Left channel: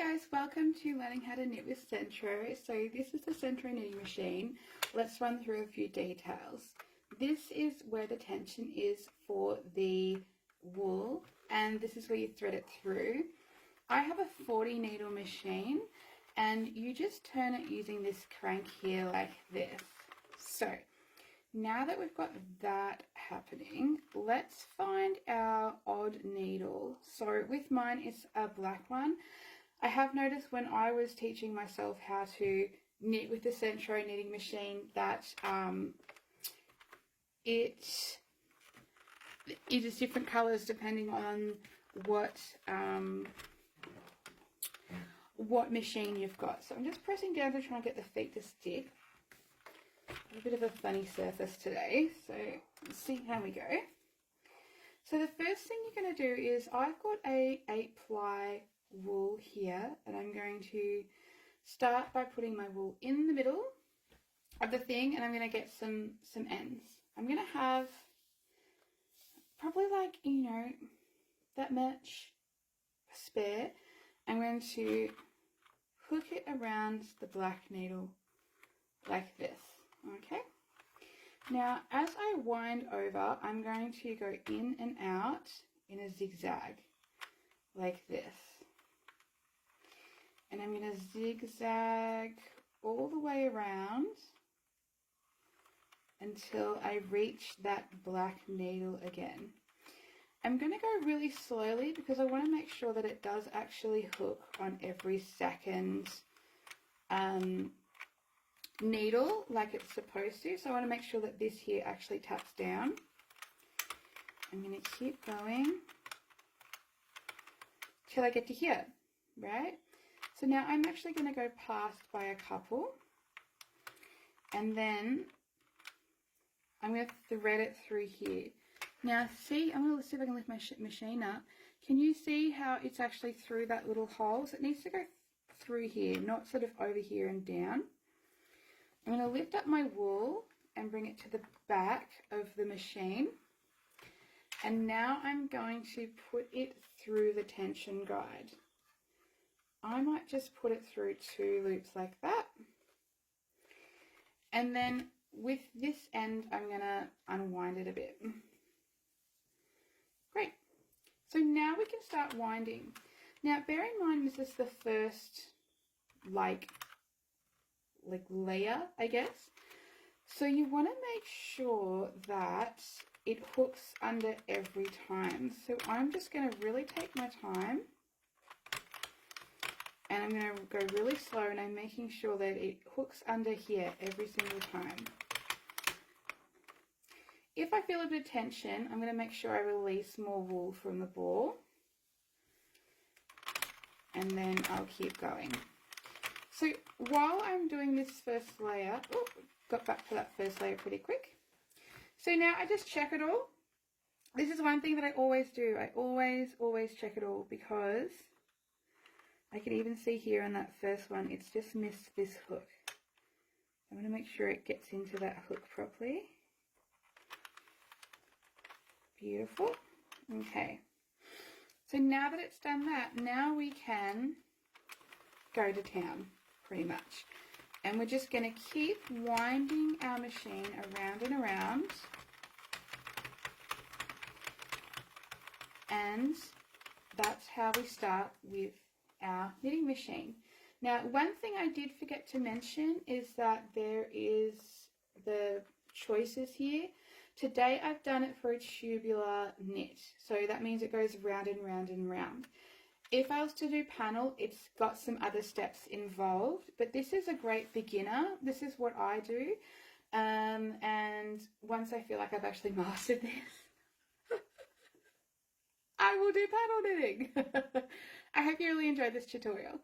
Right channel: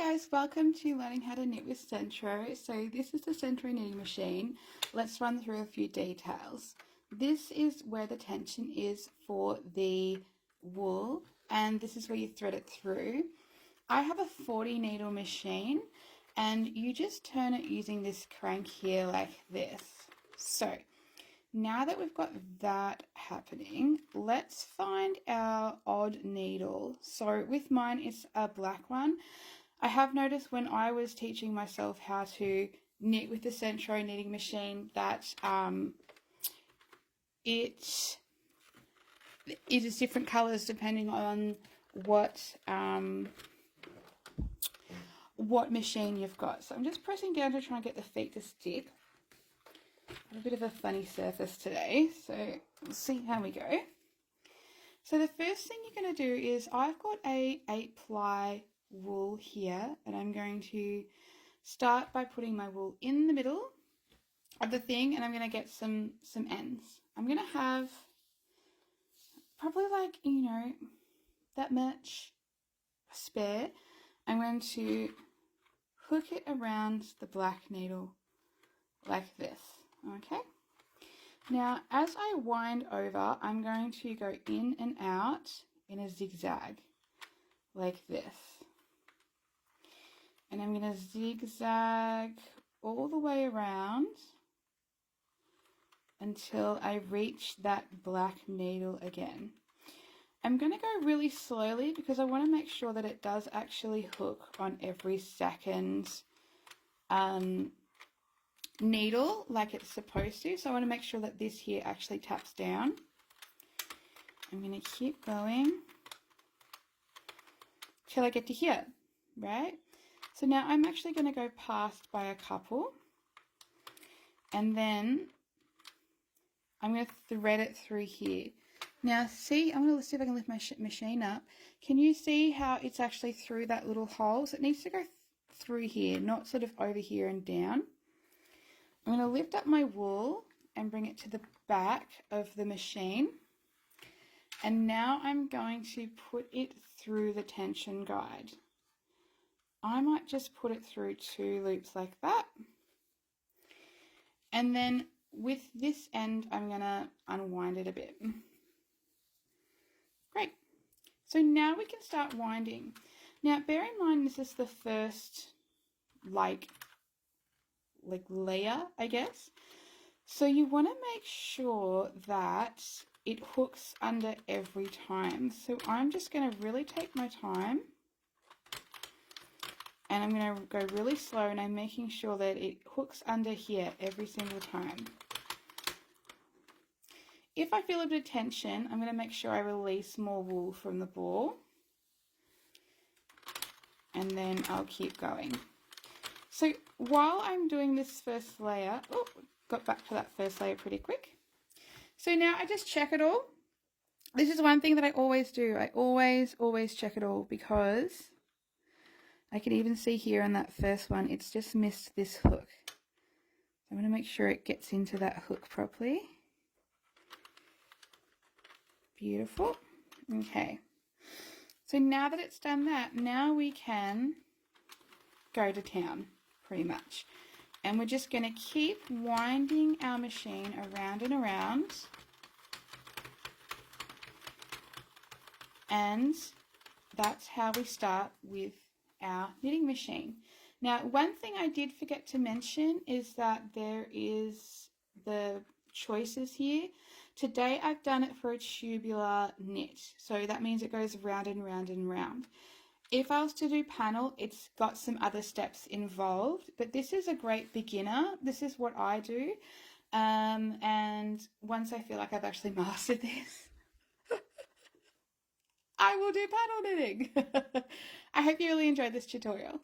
guys, welcome to learning how to knit with Centro. So this is the Centro knitting machine. Let's run through a few details. This is where the tension is for the wool, and this is where you thread it through. I have a 40 needle machine, and you just turn it using this crank here like this. So now that we've got that happening, let's find our odd needle. So with mine, it's a black one. I have noticed when I was teaching myself how to knit with the Centro knitting machine that it is different colours depending on what machine you've got. So I'm just pressing down to try and get the feet to stick. A bit of a funny surface today, so let's see how we go. So the first thing you're going to do is I've got a 8-ply wool here, and I'm going to start by putting my wool in the middle of the thing, and I'm going to get some ends. I'm going to have probably like, that much spare. I'm going to hook it around the black needle like this. Okay, now as I wind over, I'm going to go in and out in a zigzag like this, and I'm going to zigzag all the way around until I reach that black needle again. I'm going to go really slowly because I want to make sure that it does actually hook on every second needle like it's supposed to. So I want to make sure that this here actually taps down. I'm going to keep going till I get to here, right? So now I'm actually going to go past by a couple, and then I'm going to thread it through here. Now see, I'm going to see if I can lift my machine up. Can you see how it's actually through that little hole? So it needs to go through here, not sort of over here and down. I'm going to lift up my wool and bring it to the back of the machine, and now I'm going to put it through the tension guide. I might just put it through 2 loops like that, and then with this end I'm going to unwind it a bit. Great, so now we can start winding. Now bear in mind this is the first like layer, I guess. So you want to make sure that it hooks under every time. So I'm just going to really take my time, and I'm going to go really slow, and I'm making sure that it hooks under here every single time. If I feel a bit of tension, I'm going to make sure I release more wool from the ball, and then I'll keep going. So while I'm doing this first layer, got back to that first layer pretty quick. So now I just check it all. This is one thing that I always do. I always check it all, because I can even see here on that first one, it's just missed this hook. I'm going to make sure it gets into that hook properly. Beautiful. Okay. So now that it's done that, now we can go to town. Pretty much, and we're just going to keep winding our machine around and around, and that's how we start with our knitting machine. Now one thing I did forget to mention is that there is the choices here. Today I've done it for a tubular knit, so that means it goes round and round and round. If I was to do panel, it's got some other steps involved, but this is a great beginner. This is what I do. And once I feel like I've actually mastered this, I will do panel knitting. I hope you really enjoyed this tutorial.